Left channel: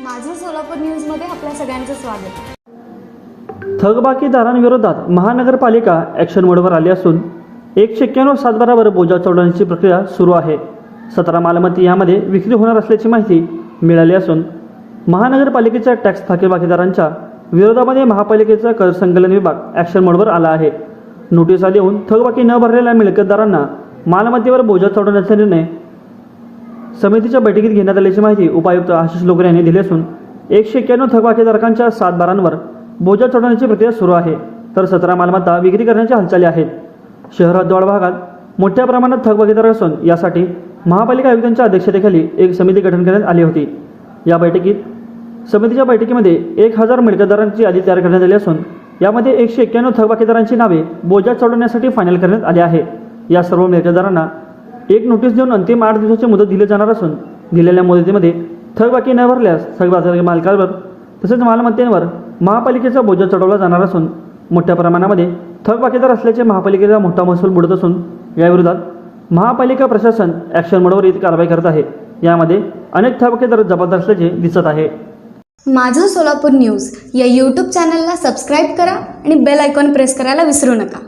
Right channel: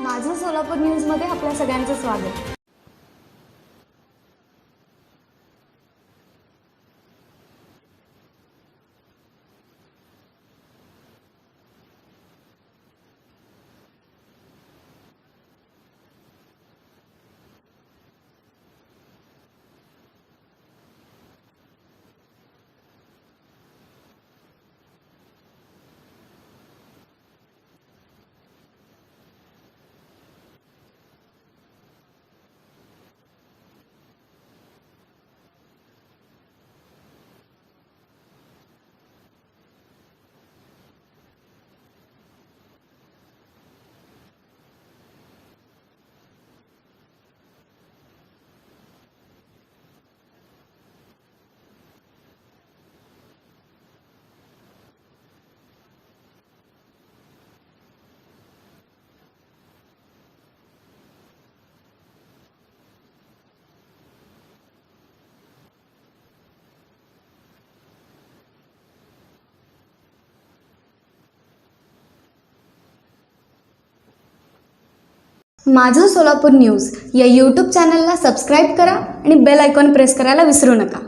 माझं सोलापूर न्यूजमध्ये आपल्या सगळ्यांचं स्वागत. थकबाकीदारांविरोधात महानगरपालिका ॲक्शन मोडवर आली असून एकशे एक्क्याण्णव सातबारावर बोजा चढवण्याची प्रक्रिया सुरू आहे. सतरा मालमत्ती यामध्ये विक्री होणार असल्याची माहिती मिळाली असून महानगरपालिकेच्या टॅक्स थकीबाकीदारांच्या विरोधामध्ये महापालिकेचा कर संकलन विभाग ॲक्शन मोडवर आला आहे. नोटिसा देऊन थकबाकी न भरलेल्या मिळकतदारांना मालमत्तेवर बोजा चढवण्याचा निर्णय समितीच्या बैठकीत घेण्यात आल्याची माहिती उपायुक्त आशिष लोकरे यांनी दिली असून एकशे एक्क्याण्णव थकबाकीधारकांच्या सात बारांवर बोजा चढवण्याची प्रक्रिया सुरू आहे. तर सतरा मालमत्ता विक्री करण्याच्या हालचाली आहेत. शहर हद्दवाड भागात मोठ्या प्रमाणात थकबाकीदार असून यासाठी महापालिका आयुक्तांच्या अध्यक्षतेखाली एक समिती गठन करण्यात आली होती. या बैठकीत समितीच्या बैठकीमध्ये एक हजार मिळकतदारांची यादी तयार करण्यात आली असून यामध्ये एकशे एक्क्याण्णव थकबाकीदारांची नावे बोजा चढवण्यासाठी फायनल करण्यात आली आहे. या सर्व मिळकतदारांना एक नोटीस देऊन अंतिम आठ दिवसाची मुदत दिली जाणार असून दिलेल्या मुदतीमध्ये थकबाकी न भरल्यास थकबाकी मालकावर तसेच मालमत्तेवर महापालिकेचा बोजा चढवला जाणार असून मोठ्या प्रमाणामध्ये थकबाकीदार असल्याचे महापालिकेचा मोठा महसूल बुडत असून याविरोधात महापालिका प्रशासन ॲक्शन मोडवर येत कारवाई करत आहे. यामध्ये अनेक थकबाकीदार जबाबदार असल्याचे दिसत आहे. माझं सोलापूर न्यूज या यूट्यूब चॅनलला सबस्क्राईब करा आणि बेल आयकॉन प्रेस करायला विसरू नका.